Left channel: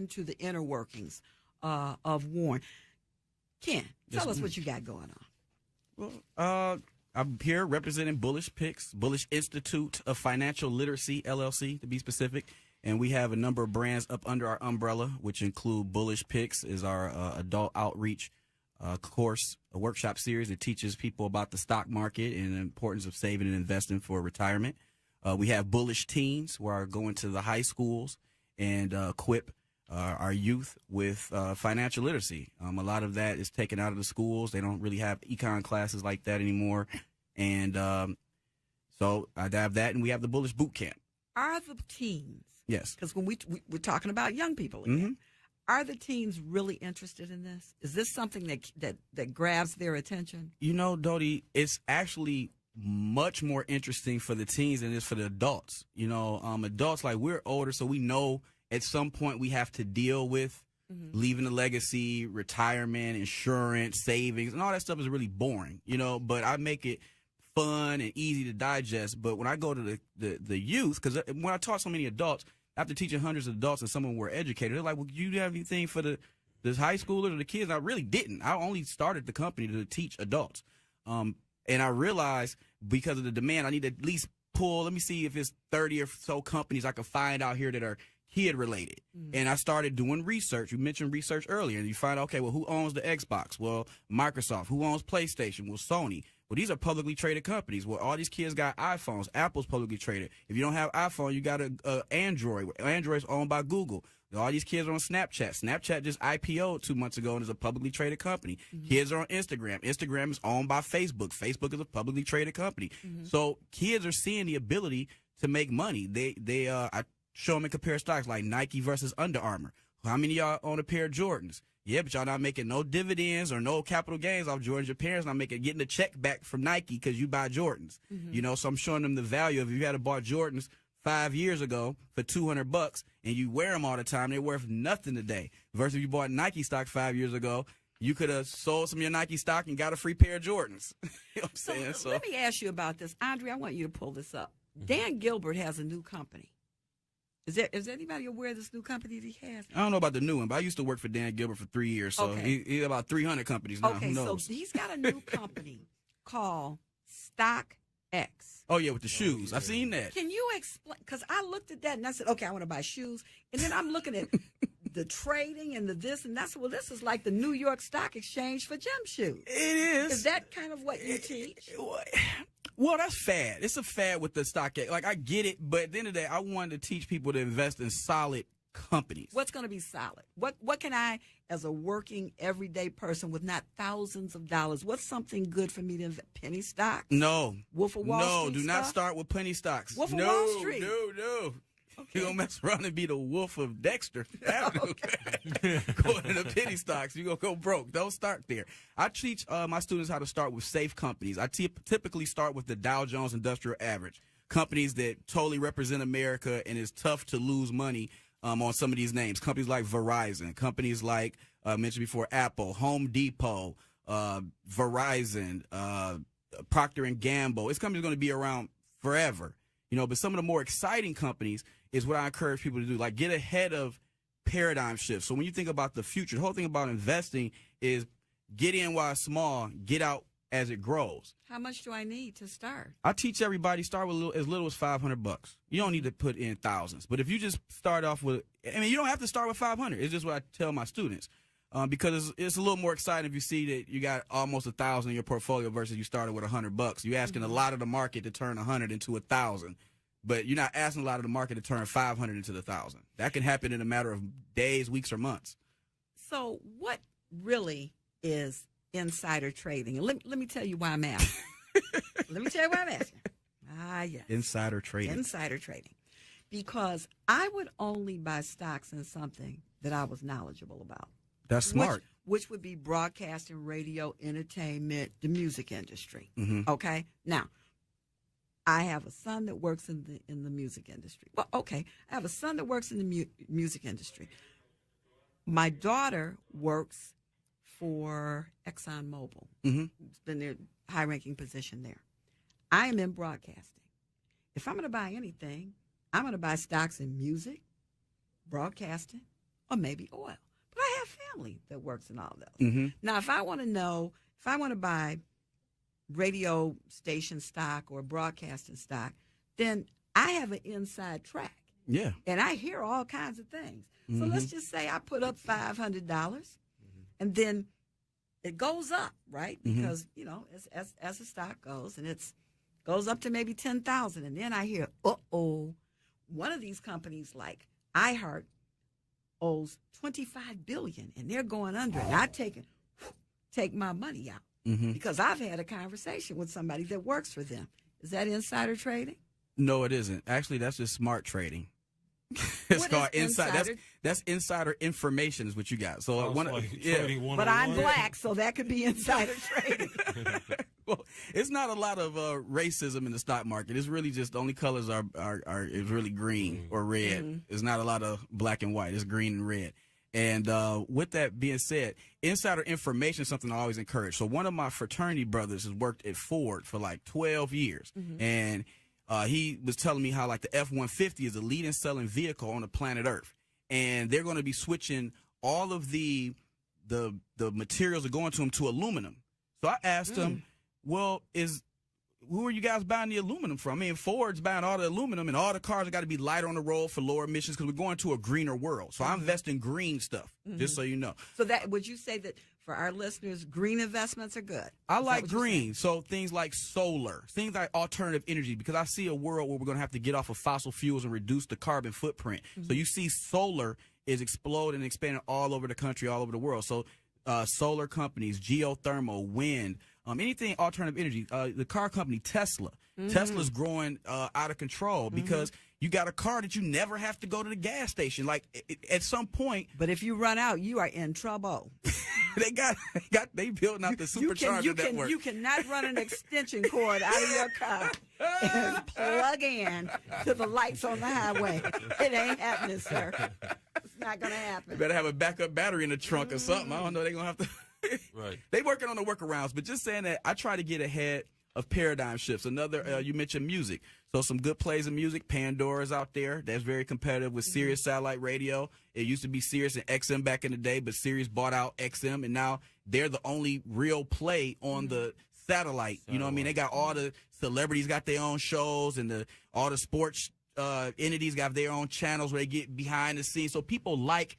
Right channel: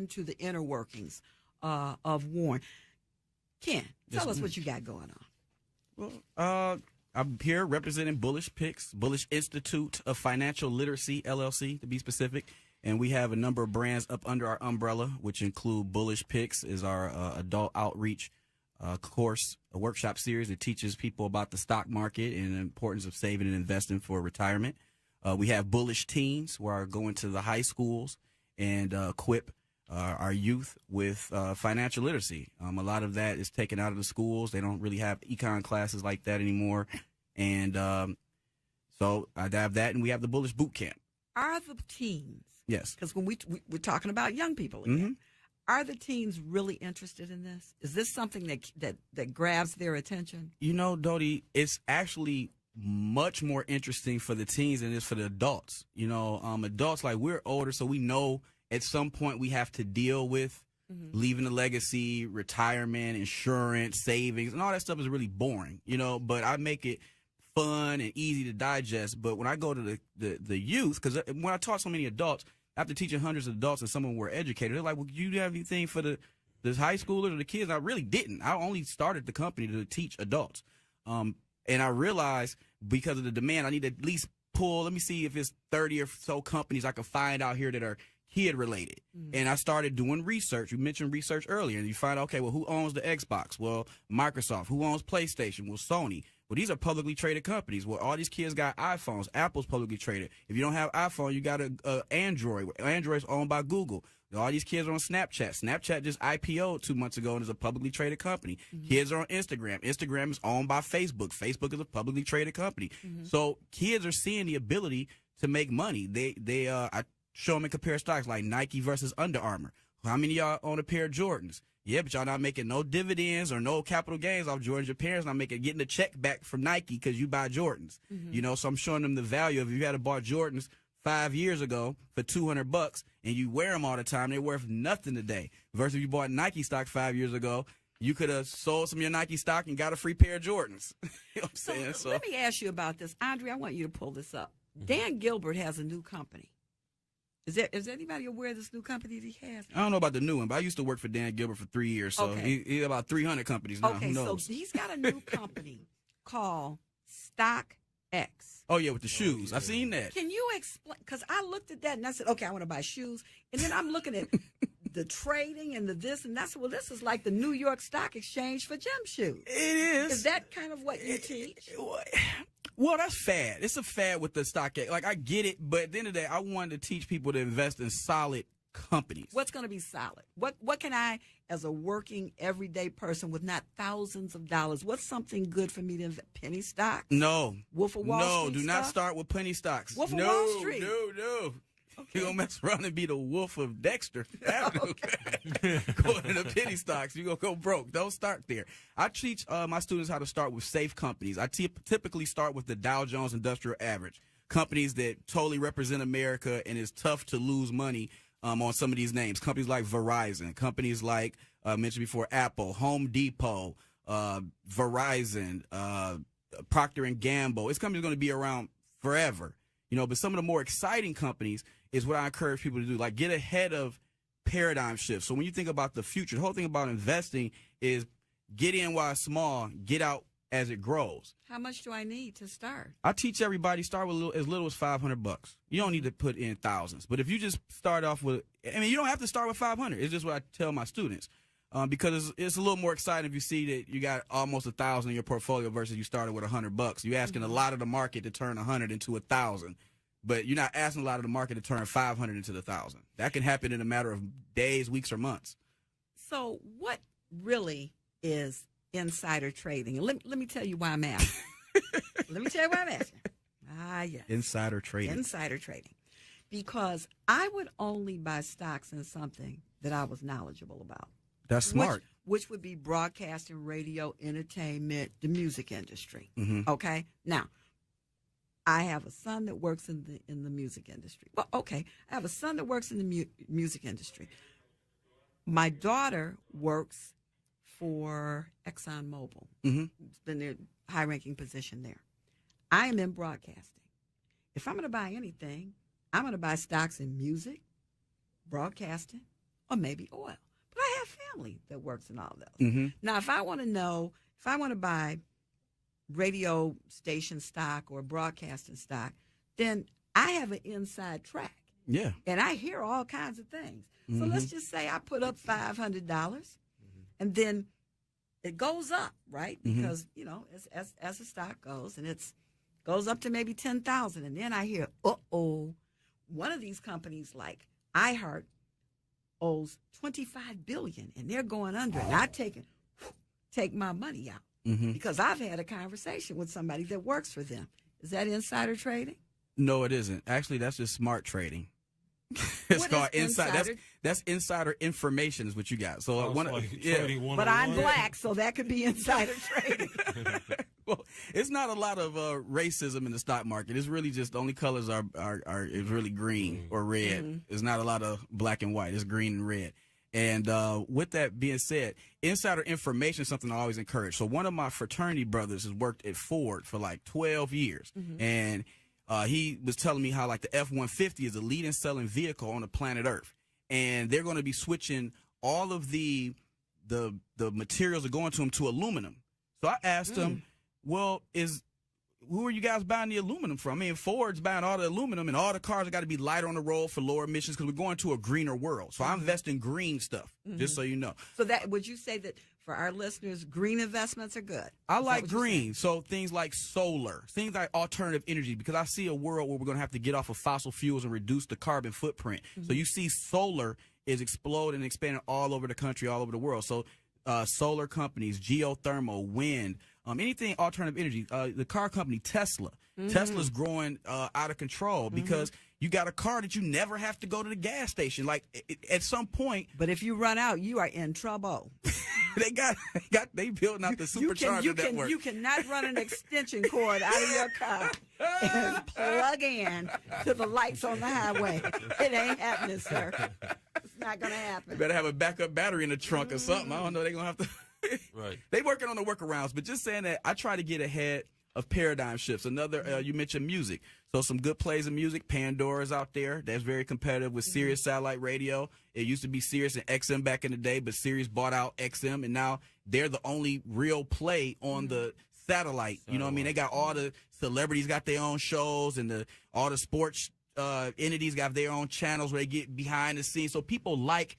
into the inner workings of Warren. Ken, tell us what you got going on. Well, I'm here representing Bullish Picks, Bullish Institute of Financial Literacy, LLC, to be specific. And we have a number of brands up under our umbrella, which include Bullish Picks is our adult outreach course, a workshop series that teaches people about the stock market and the importance of saving and investing for retirement. We have Bullish Teens, where I go into the high schools and equip our youth with financial literacy. A lot of that is taken out of the schools. They don't really have econ classes like that anymore. And so I have that, and we have the Bullish Boot Camp. Are the teens? Yes. Because when we're talking about young people again, are the teens really interested in this? Is this something that grabs their attention? You know, Dody, it's actually much more interesting for the teens than it is for the adults. You know, adults, like, we're older, so we know at some point we have to deal with leaving a legacy, retirement, insurance, savings, and all that stuff is really boring, you know, but I make it fun and easy to digest. But when I go to the youth, because when I taught so many adults, after teaching hundreds of adults and some of them were educated, they're like, well, you have anything for the high schoolers or the kids? I really didn't. I only started the company to teach adults. And I realized because of the demand, I need to at least let me see if it's 30 or so companies I can find out here that are kid related. And I started doing research. You mentioned research earlier, and you find out, okay, well, who owns the Xbox? Well, Microsoft. Who owns PlayStation? Well, Sony. Well, these are publicly traded companies. Well, all these kids got iPhones. Apple's publicly traded. If you don't have iPhone, you got a Android. Android's owned by Google. All these kids are on Snapchat. Snapchat just IPO'd 2 months ago and is a publicly traded company. Kids are on Instagram. Instagram is owned by Facebook. Facebook is a publicly traded company. So kids are seeing the ability to make money. I show them and compare stocks like Nike versus Under Armour. How many of y'all own a pair of Jordans? Yeah, but y'all not making no dividends or no capital gains off Jordans. Your parents not getting a check back from Nike because you buy Jordans. You know, so I'm showing them the value of if you had bought Jordans 5 years ago for $200 and you wear them all the time, they're worth nothing today. Versus if you bought Nike stock 5 years ago, you could have sold some of your Nike stock and got a free pair of Jordans. You know what I'm saying? So let me ask you about this. Andre, I want you to pull this up. Dan Gilbert has a new company. Is anybody aware of this new company that he has? I don't know about the new one, but I used to work for Dan Gilbert for 3 years, so he about 300 companies now. Okay, so he's got a new company called StockX. Oh, yeah, with the shoes. I've seen that. Can you explain? Because I looked at that and I said, okay, I want to buy shoes. And then I'm looking at the trading and the this and that's. Well, this is like the New York Stock Exchange for gym shoes. It is. Is that kind of what you teach? Well, that's fad. It's a fad with the stock. Like, I get it, but at the end of the day, I wanted to teach people to invest in solid companies. What's going to be solid? What can I, as a working, everyday person with not thousands of dollars, what's something good for me to invest? Penny stocks? No. Wolf of Wall Street? No, do not start with penny stocks. Wolf of Wall Street? No. Okay. You're going to mess around and be the Wolf of Dexter. Going into penny stocks, you're going to go broke. Don't start there. I teach my students how to start with safe companies. I typically start with the Dow Jones Industrial Average, companies that totally represent America, and it's tough to lose money on some of these names. Companies like Verizon, companies like, mentioned before, Apple, Home Depot, Verizon, Procter & Gamble. This company's going to be around forever. You know, but some of the more exciting companies is what I encourage people to do, like get ahead of paradigm shifts. So when you think about the future, the whole thing about investing is get in while it's small, get out as it grows. How much do I need to start? I teach everybody start with as little as $500. You don't need to put in thousands. But if you just start off with, you don't have to start with 500. It's just what I tell my students. Because it's a little more exciting if you see that you got almost 1,000 in your portfolio versus you started with $100. You're asking a lot of the market to turn 100 into 1,000, but you're not asking a lot of the market to turn 500 into 1,000. That can happen in a matter of days, weeks, or months. So what really is insider trading? And let me tell you why I'm asking. Let me tell you why I'm asking. Yes. Insider trading. Insider trading. Because I would only buy stocks in something that I was knowledgeable about. That's smart. Which would be broadcasting, radio, entertainment, the music industry. Okay? Now, I have a son that works in the music industry. Well, okay. I have a son that works in the music industry. My daughter works for ExxonMobil. It's been their high-ranking position there. I am in broadcasting. If I'm going to buy anything, I'm going to buy stocks in music, broadcasting, or maybe oil. But I have family that works in all those. Now, if I want to buy radio station stock or broadcasting stock, then I have an inside track. Yeah. And I hear all kinds of things. So let's just say I put up $500, and then it goes up, right? Because, you know, as the stock goes, and it goes up to maybe 10,000, and then I hear, one of these companies like iHeart owes $25 billion, and they're going under, and I take my money out because I've had a conversation with somebody that works for them. Is that insider trading? No, it isn't. Actually, that's just smart trading. It's called insider. That's insider information is what you got. So but I'm black, so that could be insider trading. Well, it's not a lot of racism in the stock market. It's really just the only colors are is really green or red. There's not a lot of black and white. It's green and red. And with that being said, insider information is something I always encourage. So one of my fraternity brothers has worked at Ford for like 12 years, and he was telling me how like the F-150 is the leading selling vehicle on the planet Earth, and they're going to be switching all of the materials that are going to them to aluminum. So I asked him, well, who are you guys buying the aluminum from? I mean, Ford's buying all the aluminum, and all the cars have got to be lighter on the road for lower emissions because we're going to a greener world. So I invest in green stuff, just so you know. So that would you say that for our listeners, green investments are good? I like green. So things like solar, things like alternative energy, because I see a world where we're going to have to get off of fossil fuels and reduce the carbon footprint. So you see solar is exploding and expanding all over the country, all over the world. So solar companies, geothermal, wind, anything alternative energy. The car company Tesla. Tesla's growing out of control because you got a car that you never have to go to the gas station. Like at some point. But if you run out, you are in trouble. they building out the supercharger network. You cannot run an extension cord out of your car and plug in to the lights on the highway. It ain't happening, sir. It's not gonna happen. You better have a backup battery in the trunk or something. I don't know. They're gonna have to. Right. They working on the workarounds, but just saying that I try to get ahead of paradigm shifts. Another, you mentioned music. So some good plays of music. Pandora's out there. That's very competitive with Sirius Satellite Radio. It used to be Sirius and XM back in the day, but Sirius bought out XM, and now they're the only real play on the satellite. You know what I mean? They got all the celebrities got their own shows, and all the sports entities got their own channels where they get behind the scenes. So people like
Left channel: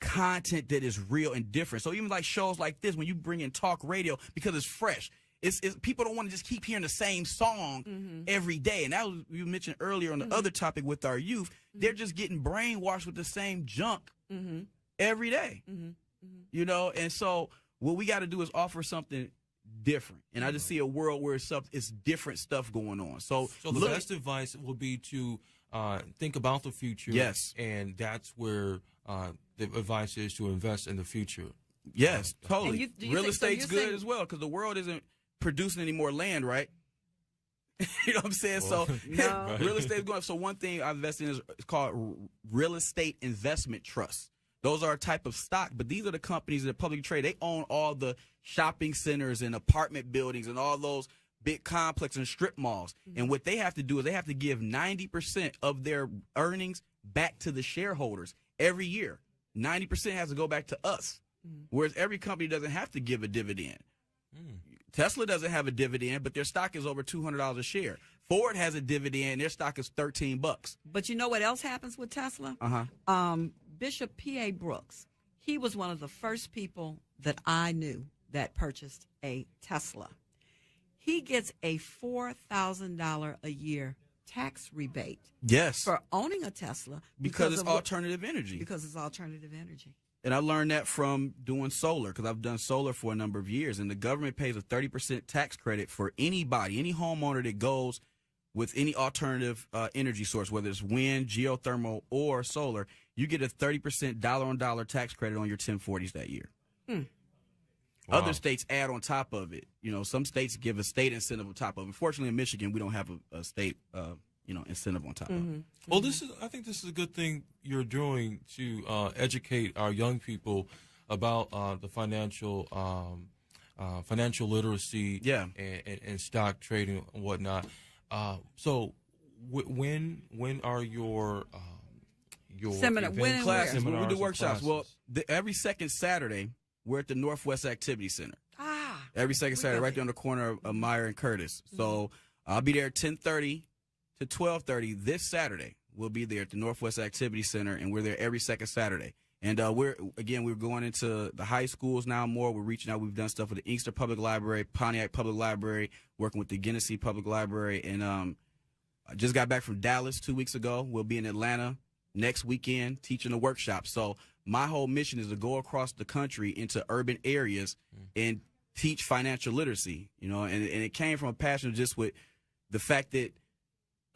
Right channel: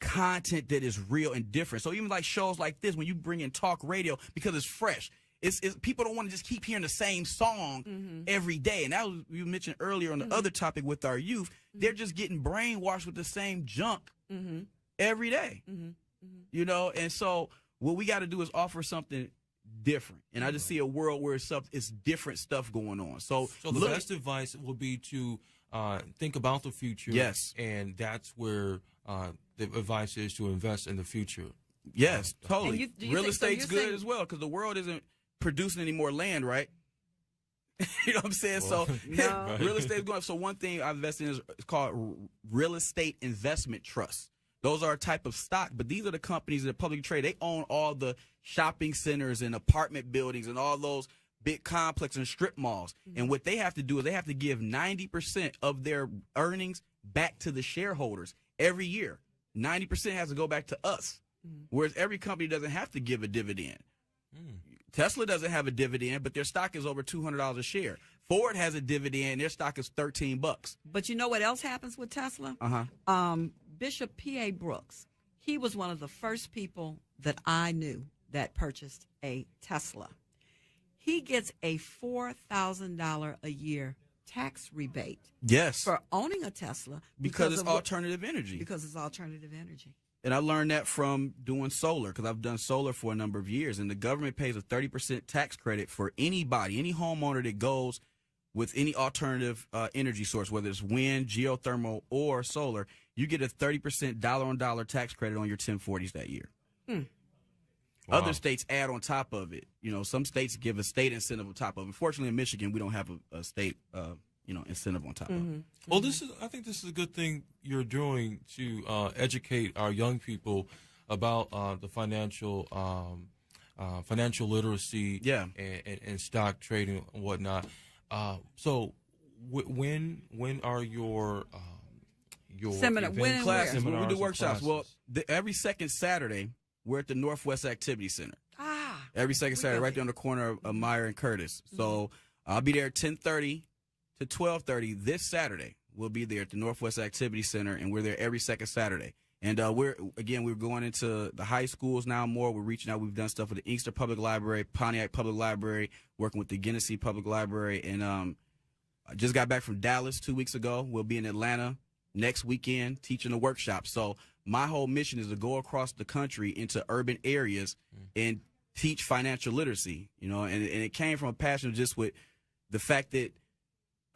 content that is real and different. So even like shows like this, when you bring in talk radio, because it's fresh, it's people don't want to just keep hearing the same song every day. And that was, you mentioned earlier on the other topic with our youth, they're just getting brainwashed with the same junk every day. You know, and so what we got to do is offer something different. And I just see a world where it's different stuff going on. So the best advice would be to think about the future. Yes. And that's where the advice is to invest in the future. Yes, totally. Real think estate's good as well because the world isn't producing any more land, right? You know what I'm saying? Well, so real estate is going up. So one thing I invest in is called real estate investment trusts. Those are a type of stock, but these are the companies that publicly trade. They own all the shopping centers and apartment buildings and all those big complexes and strip malls. And what they have to do is they have to give 90% of their earnings back to the shareholders every year. 90% has to go back to us, whereas every company doesn't have to give a dividend. Tesla doesn't have a dividend, but their stock is over $200 a share. Ford has a dividend; their stock is $13. But you know what else happens with Tesla? Bishop P.A. Brooks, he was one of the first people that I knew that purchased a Tesla. He gets a $4,000 a year tax rebate. Yes. For owning a Tesla. Because it's alternative energy. Because it's alternative energy. And I learned that from doing solar, because I've done solar for a number of years. And the government pays a 30% tax credit for anybody, any homeowner that goes with any alternative energy source, whether it's wind, geothermal, or solar. You get a 30% dollar-on-dollar tax credit on your 1040s that year. Wow. Other states add on top of it. You know, some states give a state incentive on top of it. Unfortunately, in Michigan, we don't have a state, incentive on top of it. Well, I think this is a good thing you're doing to educate our young people about the financial literacy, and stock trading and whatnot. So, when are your your Seminar. events, When and classes. where? When we seminars do and workshops. classes? Well, every second Saturday, we're at the Northwest Activity Center. Every second Saturday, right there on the corner of Meyer and Curtis. So I'll be there at 10:30 to 12:30 this Saturday. We'll be there at the Northwest Activity Center, and we're there every second Saturday. And we're going into the high schools now more. We're reaching out. We've done stuff with the Inkster Public Library, Pontiac Public Library, working with the Genesee Public Library. And I just got back from Dallas 2 weeks ago. We'll be in Atlanta next weekend teaching a workshop. So my whole mission is to go across the country into urban areas and teach financial literacy, and it came from a passion just with the fact that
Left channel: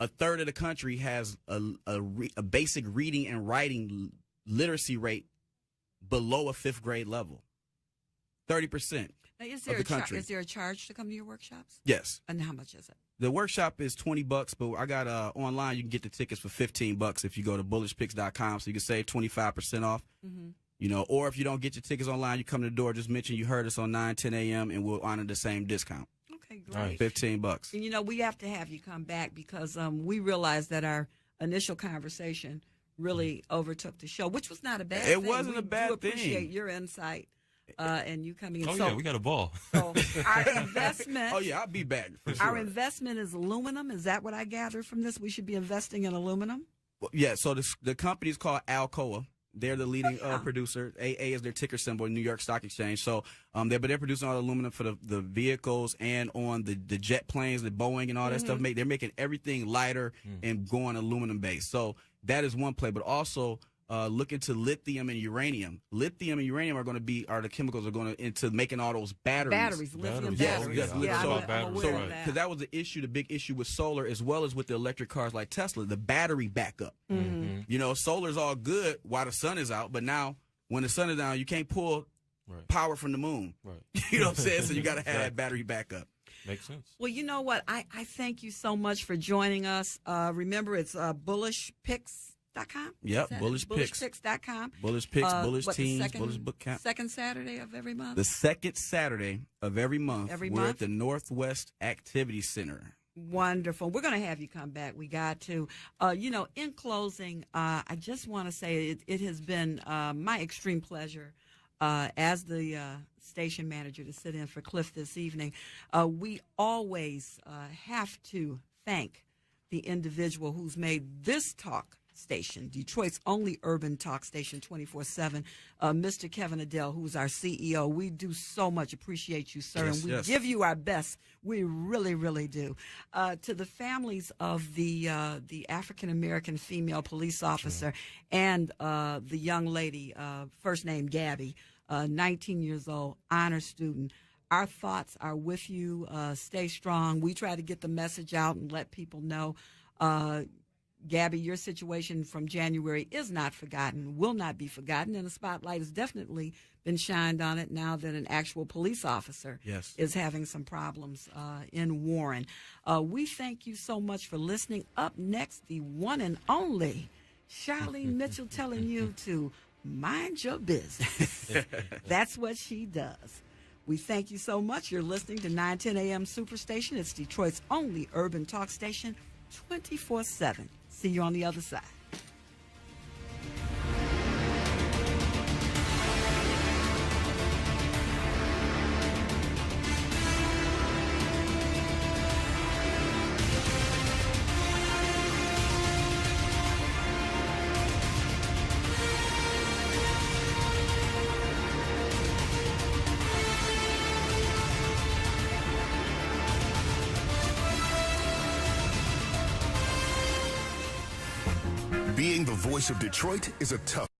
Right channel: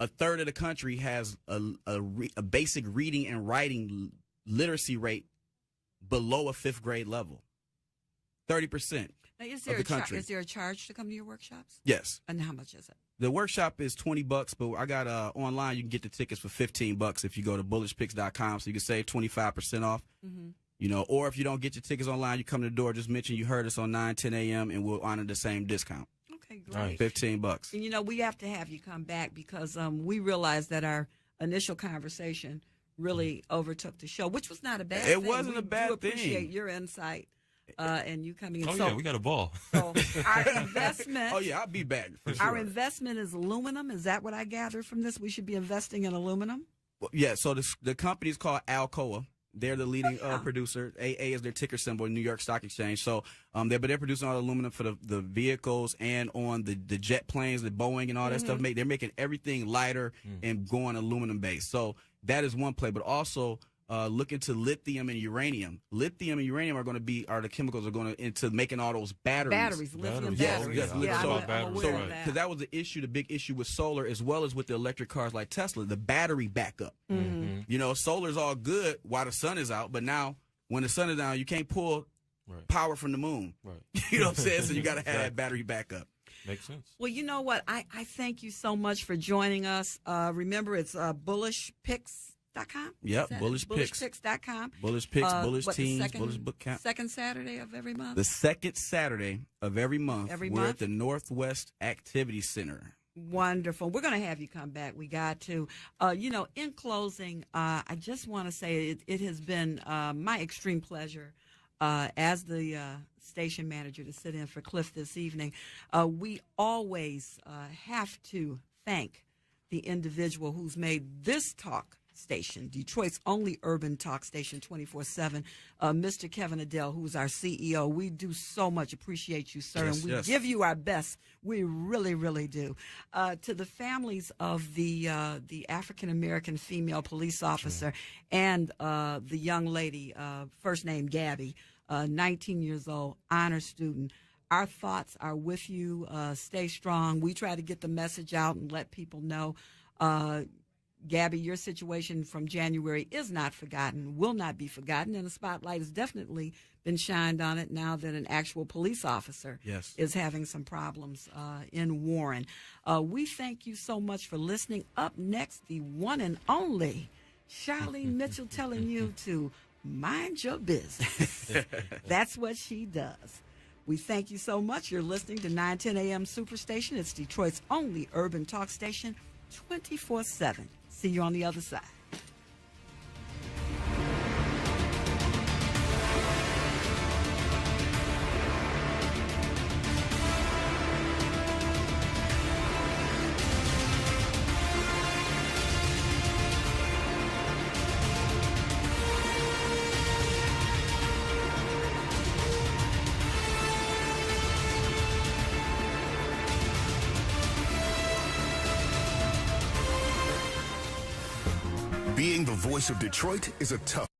a third of the country has a basic reading and writing literacy rate below a 5th grade level. 30%. Now, is there a charge to come to your workshops? Yes. And how much is it? The workshop is $20, but I got online. You can get the tickets for $15 if you go to bullishpicks.com, so you can save 25% off. Or if you don't get your tickets online, you come to the door. Just mention you heard us on 9:10 a.m. and we'll honor the same discount. Okay, great. $15. And, we have to have you come back because we realized that our initial conversation really overtook the show, which was not a bad thing. It wasn't a bad thing. We appreciate your insight and you coming in. Oh, yeah, we got a ball. So our investment. Oh, yeah, I'll be back. For sure. Our investment is aluminum. Is that what I gathered from this? We should be investing in aluminum? Well, yeah, so the company is called Alcoa. They're the leading producer. AA is their ticker symbol in New York Stock Exchange. So they're producing all the aluminum for the vehicles and on the jet planes, the Boeing and all that stuff. They're making everything lighter and going aluminum based. So that is one play. But also look into lithium and uranium. Lithium and uranium are the chemicals that are going into making all those batteries. Lithium batteries. Yes. Because that was the issue, the big issue with solar as well as with the electric cars like Tesla, the battery backup. Solar's all good while the sun is out, but now when the sun is down, you can't pull power from the moon. Right. You know what I'm saying? So you got to have that battery backup. Makes sense. Well, you know what? I thank you so much for joining us. Remember, it's bullishpicks.com? Yep, Bullish Picks. Bullishpicks.com. Bullish Picks, Bullish Teams, Bullish Book Camp. Second Saturday of every month? The second Saturday of every month. We're at the Northwest Activity Center. Wonderful. We're going to have you come back. We got to. In closing, I just want to say it has been my extreme pleasure as the station manager to sit in for Cliff this evening. We always have to thank the individual who's made this talk station, Detroit's only urban talk station 24/7, Mr. Kevin Adele, who's our CEO. We do so much appreciate you, sir, and we give you our best. We really, really do. To the families of the African-American female police officer and the young lady, first name Gabby, 19 years old, honor student, our thoughts are with you. Stay strong. We try to get the message out and let people know. Gabby, your situation from January is not forgotten, will not be forgotten, and the spotlight has definitely been shined on it now that an actual police officer is having some problems in Warren. We thank you so much for listening. Up next, the one and only Charlene Mitchell telling you to mind your business. That's what she does. We thank you so much. You're listening to 910 AM Superstation. It's Detroit's only urban talk station, 24/7. See you on the other side. Of Detroit is a tough